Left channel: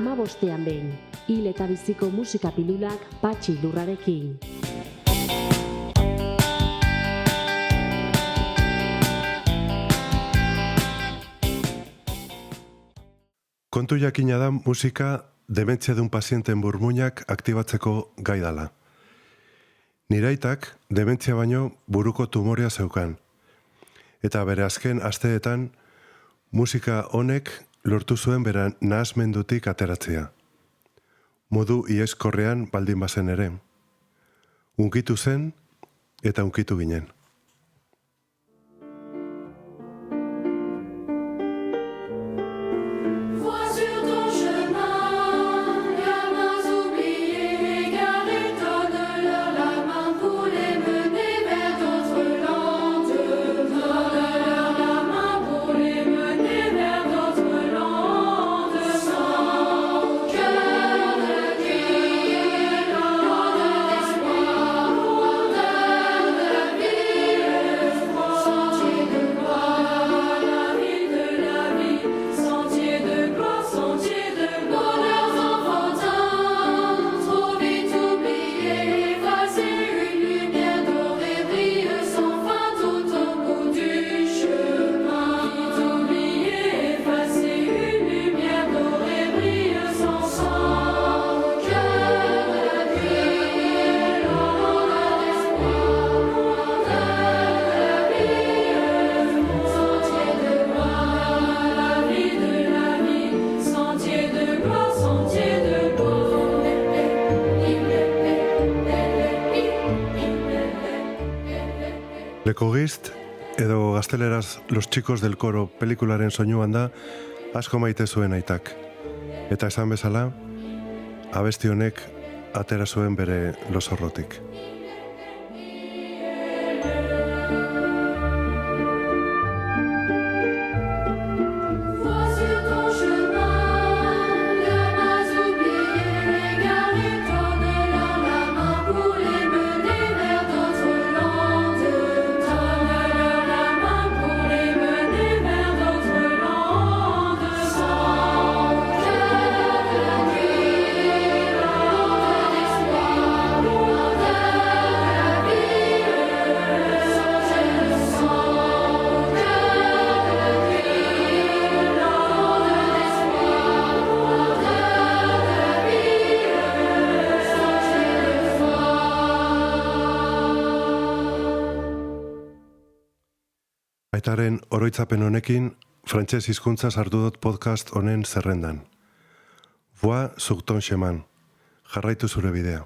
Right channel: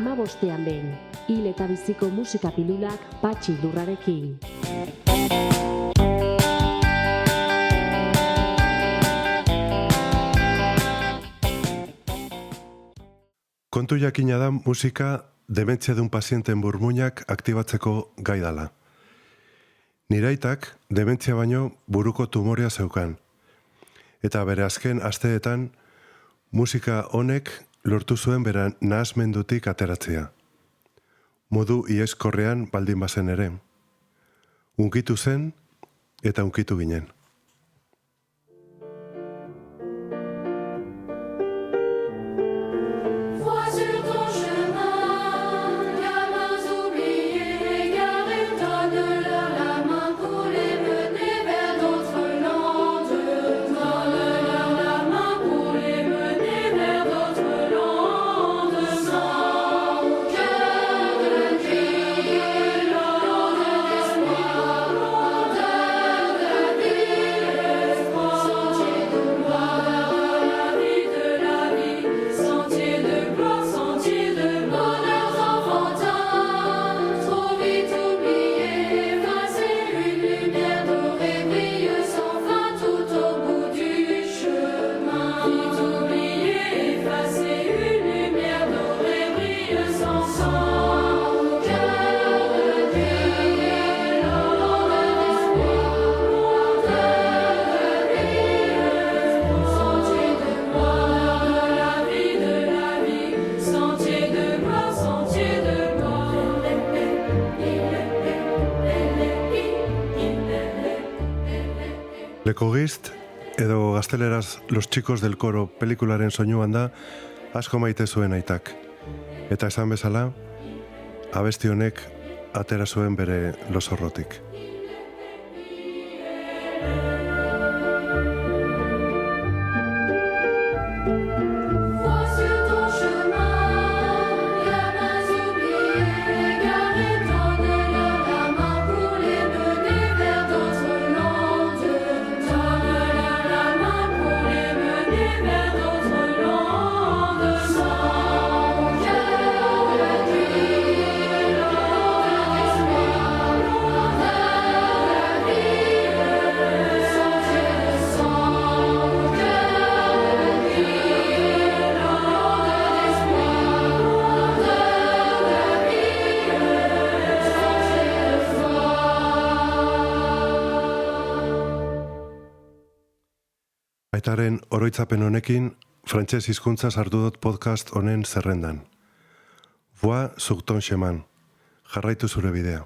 15ean behin, hil eta biziko musika pilulak Patxi Lurrarekin. Kontu jakina da musika dementzia dun pazienten burmuinak aktibatzeko gai dala. Nire aitak dementzia baino buruko tumorea zeukan. Eta bere azken asteetan musika honek lortu zuen bera nahasmendutik ateratzea. Modu ieskorrean baldin bazen ere. Unkitu zen eta unkitu ginen. Lekogist, edo gazteleraz Los Chicos del Coro pelikularen soinuan da asko maite zuen aitak. Eta esan bezala, abesti honek atera zuen bere losorrotik. Aitaren oroitzapen honekin, frantses hizkuntza sartu dut podcast honen zerrendan. Voix sur ton chemin. Jarraitu zure bidea.